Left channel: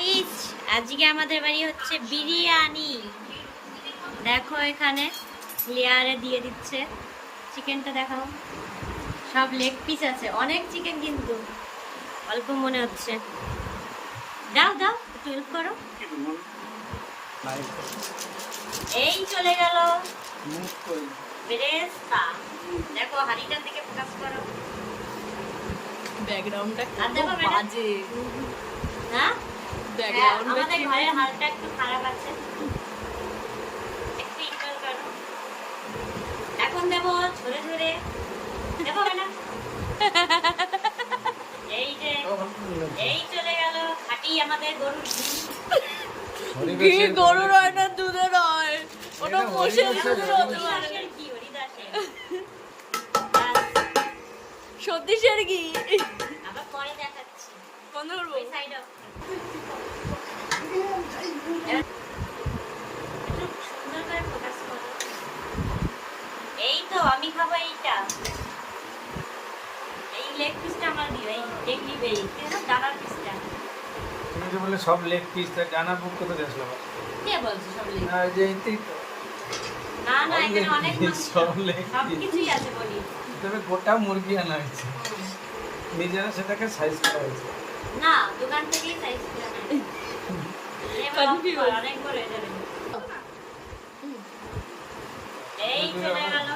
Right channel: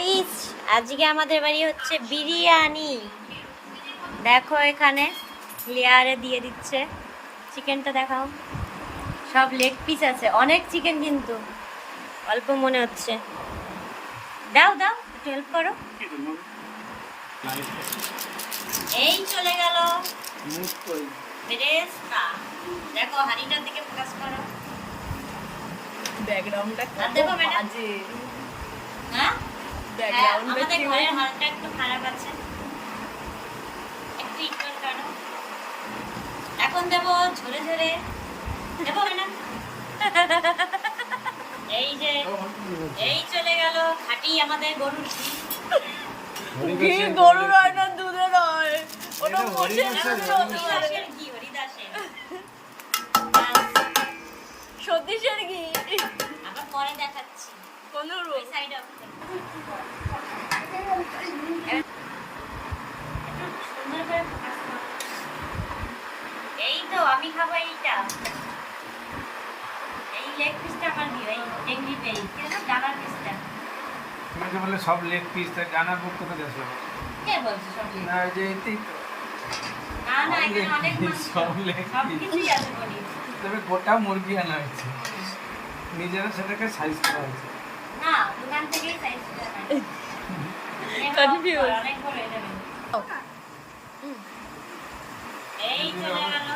Guys, আজকে আমাদের বাড়ি হচ্ছে বিরিয়ানি। দেখো এখানে লেয়ারে দিয়ে দিচ্ছে। চিকেনটা দেখাও, সব লেগ পিস আছে, অনেক চিকেন কিন্তু অল্প মনে হচ্ছে। দাও দাও, একটু হেল্প করো। এই চলে গেল বেরেস্তা। দেখো হাড়িটার দিকে ফোকাস করো। ব্যাকগ্রাউন্ডটা কত বাজে। হ্যাঁ, ব্যাকগ্রাউন্ডটা আমাদের কি ঘরের হালটা একটু খারাপ আছে, একটু ইগনোর করো। এখন দেবো ঝরে ঝরে, দেবো না। এই যে এই চলে গেল খাঁটি আমাদের গরুর ঘি। গরুর হয় না, দুধের হয়। ওটা মোষের দুধের হতে পারে। ঘি, হরিদাসের। সতীশের ঘি। আবার পরে দেখাচ্ছি, কোন ওই সাইড অফ সুন্দর করে ফোকাস করো। এই তো আমি খাবো এইটা। এই লেগ পিসটা আমার দিও, এই ডেঙ্গি বেই কিন্তু ডানার পিসটা। তুমি যে বললে সব লেগ পিস, জানার মুখ কোথায় আসলো? কে বলছো সব লেগ? না, এই যে এইটাই তো। না না, এখানে অনেক মাছ, সব লেগ সব পিস। কিছুই আছে বলি। এখানে গোটা মুরগি আনা হয়েছে, নিজেরা সেটাকে সাইজ করা হয়েছে। না, দোকান থেকেই সাইজ করে আনা। Confused. অনেক বড় এটা। এই চলে গেল